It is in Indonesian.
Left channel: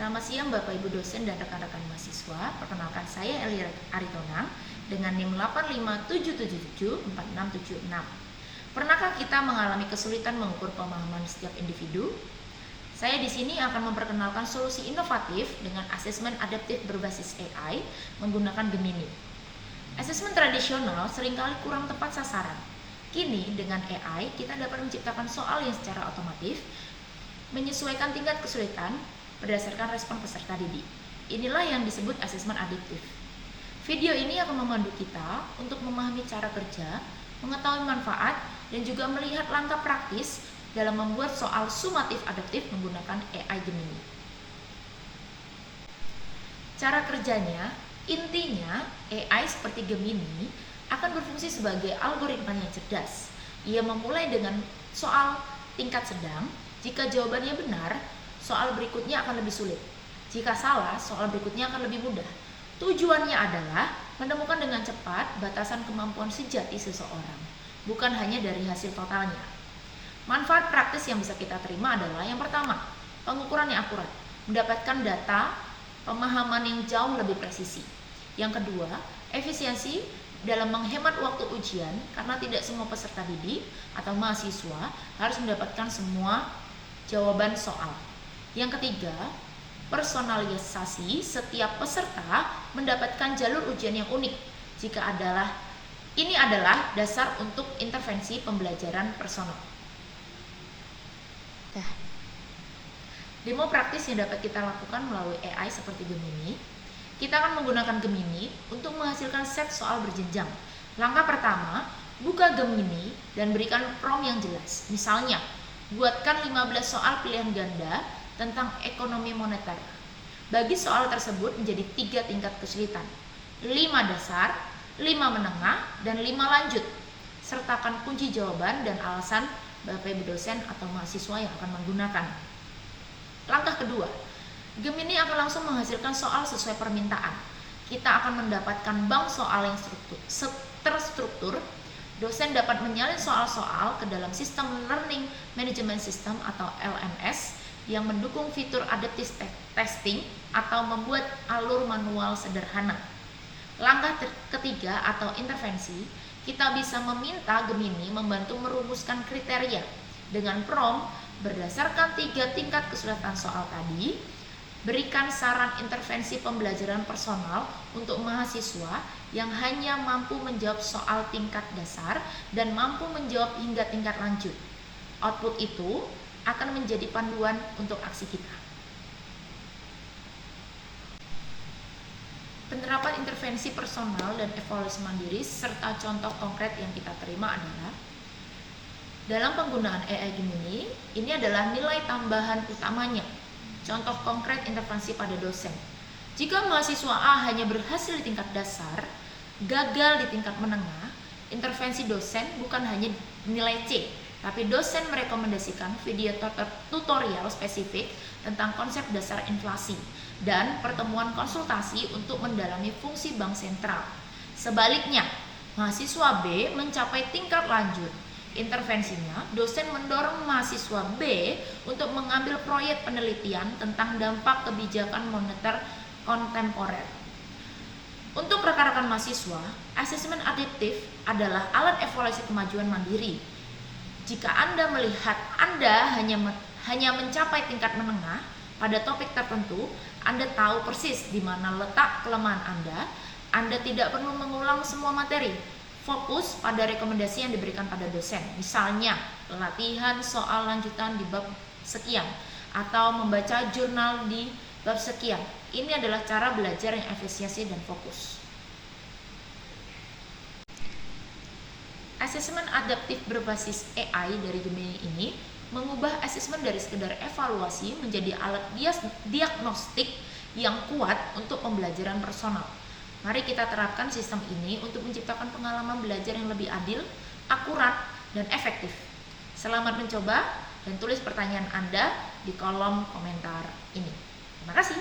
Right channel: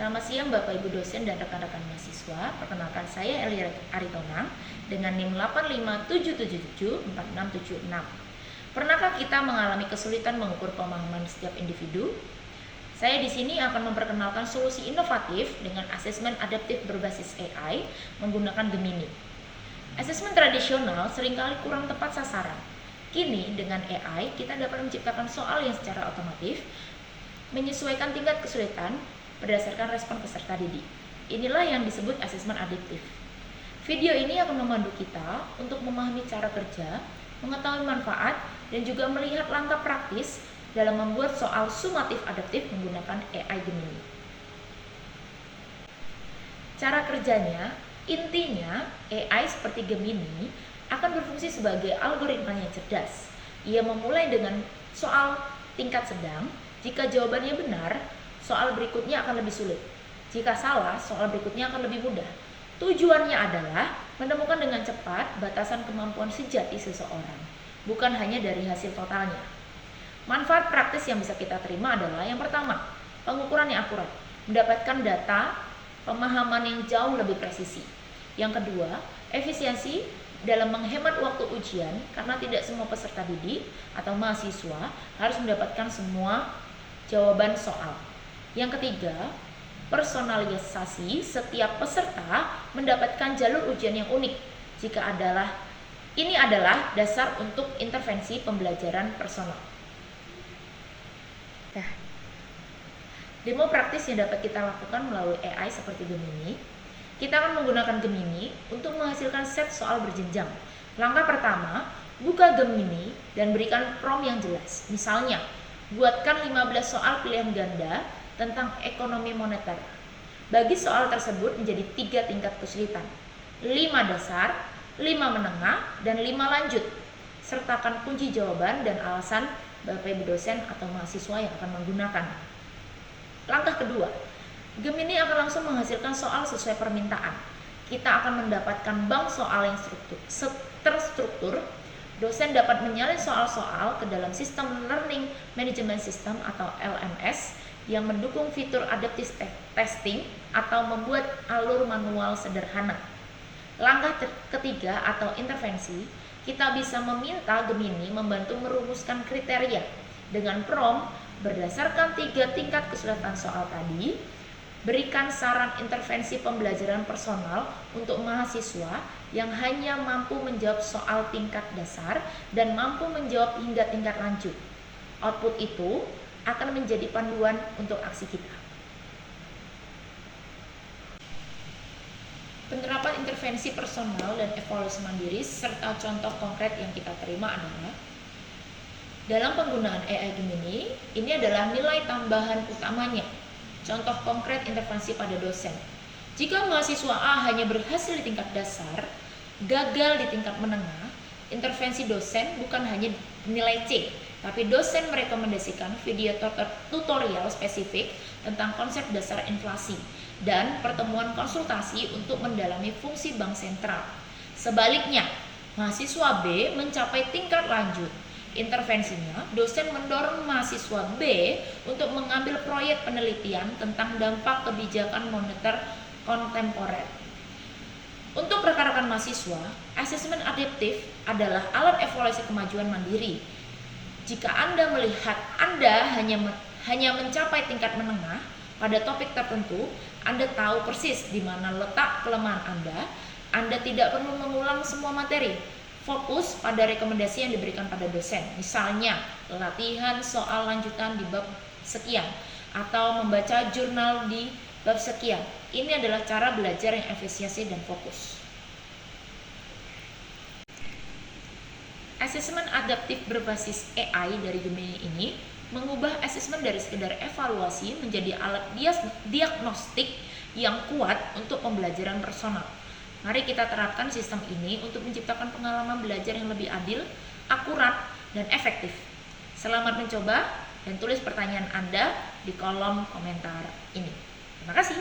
Selamat siang Bapak Ibu dosen dan rekan-rekan mahasiswa. Perkenalkan saya Eli Aritonang dengan NIM 857774676. Pernahkah kita mengalami kesulitan mengukur pemahaman setiap individu? Saya di sini akan memperkenalkan solusi inovatif dengan asesmen adaptif berbasis AI menggunakan Gemini. Asesmen tradisional seringkali kurang tepat sasaran. Kini dengan AI kita dapat menciptakan soal yang secara otomatis menyesuaikan tingkat kesulitan berdasarkan respon peserta didik. Inilah yang disebut asesmen adaptif. Video ini akan memandu kita untuk memahami cara kerja, mengetahui manfaat, dan juga melihat langkah praktis dalam membuat soal sumatif adaptif menggunakan AI Gemini. Cara kerjanya, intinya AI seperti Gemini akan berfungsi sebagai algoritma yang cerdas. Ia memulai dengan soal tingkat sedang. Jika jawabannya benar, soal berikutnya akan lebih sulit. Jika salah, soal berikutnya akan lebih mudah. Tujuannya adalah menemukan dengan cepat batasan kemampuan sejati seseorang, bukan hanya dari hasil totalnya. Manfaat praktis yang bisa kita terima adalah yang pertama, pengukuran yang akurat, mendapatkan data, pemahaman yang jauh lebih presisi. Yang kedua, efisiensi dalam menghemat waktu ujian karena tidak semua peserta didik atau mahasiswa harus mendapatkan semua jawaban soal. Yang ketiga, personalisasi, setiap peserta mendapatkan jalur ujian yang unik. Ini adalah dasar untuk intervensi pembelajaran personal. Demo praktis yang dapat kita lakukan melalui AI seperti Gemini. Kita akan menggunakan Gemini untuk menghasilkan set soal berjenjang. Langkah pertama, buka Gemini dan berikan prompt yang jelas. Misalnya, buatkan 15 soal pilihan ganda tentang ekonomi moneter. Bagi soal tersebut menjadi 3 tingkat kesulitan, 5 dasar, 5 menengah, dan 5 lanjut. Sertakan kunci jawaban dan alasan Bapak Ibu dosen atau mahasiswa yang akan menggunakan. Langkah kedua, Gemini akan langsung menghasilkan soal sesuai permintaan. Kita akan mendapatkan bank soal yang terstruktur. Dosen dapat menyalin soal-soal ke dalam sistem Learning Management System atau LMS yang mendukung fitur adaptive testing atau membuat alur manual sederhana. Langkah ketiga atau intervensi, kita bisa meminta Gemini membantu merumuskan kriteria dengan prompt berdasarkan 3 tingkat kesulitan soal tadi. Berikan saran intervensi pembelajaran personal untuk mahasiswa yang hanya mampu menjawab soal tingkat dasar dan mampu menjawab hingga tingkat lanjut. Output itu akan menjadi panduan untuk aksi kita. Penerapan intervensi personal dan evaluasi mandiri serta contoh konkret yang kita terima adalah dalam penggunaan AI Gemini, ini adalah nilai tambahan utamanya. Contoh konkret intervensi pada dosen. Jika mahasiswa A hanya berhasil di tingkat dasar, gagal di tingkat menengah, intervensi dosen bukan hanya nilai C, tapi dosen merekomendasikan video tutorial spesifik tentang konsep dasar inflasi dan pertemuan konsultasi untuk mendalami fungsi bank sentral. Sebaliknya, mahasiswa B mencapai tingkat lanjut. Intervensinya, dosen mendorong mahasiswa B untuk mengambil proyek penelitian tentang dampak kebijakan moneter kontemporer. Untuk rekan-rekan mahasiswa, asesmen adaptif adalah alat evaluasi kemajuan mandiri. Jika Anda melihat Anda hanya mencapai tingkat menengah pada topik tertentu, Anda tahu persis di mana letak kelemahan Anda tidak perlu mengulang semua materi. Fokus pada rekomendasi yang diberikan pada dosen, misalnya latihan soal lanjutan di bab sekian atau membaca jurnal di bab sekian. Ini adalah cara belajar yang efisiensi dan fokus. Asesmen adaptif berbasis AI dari Gemini ini mengubah asesmen dari sekedar evaluasi menjadi alat diagnostik yang kuat untuk pembelajaran personal. Mari kita terapkan sistem ini untuk menciptakan pengalaman belajar yang lebih adil, akurat, dan efektif. Selamat mencoba dan tulis pertanyaan Anda di kolom komentar ini. Terima kasih.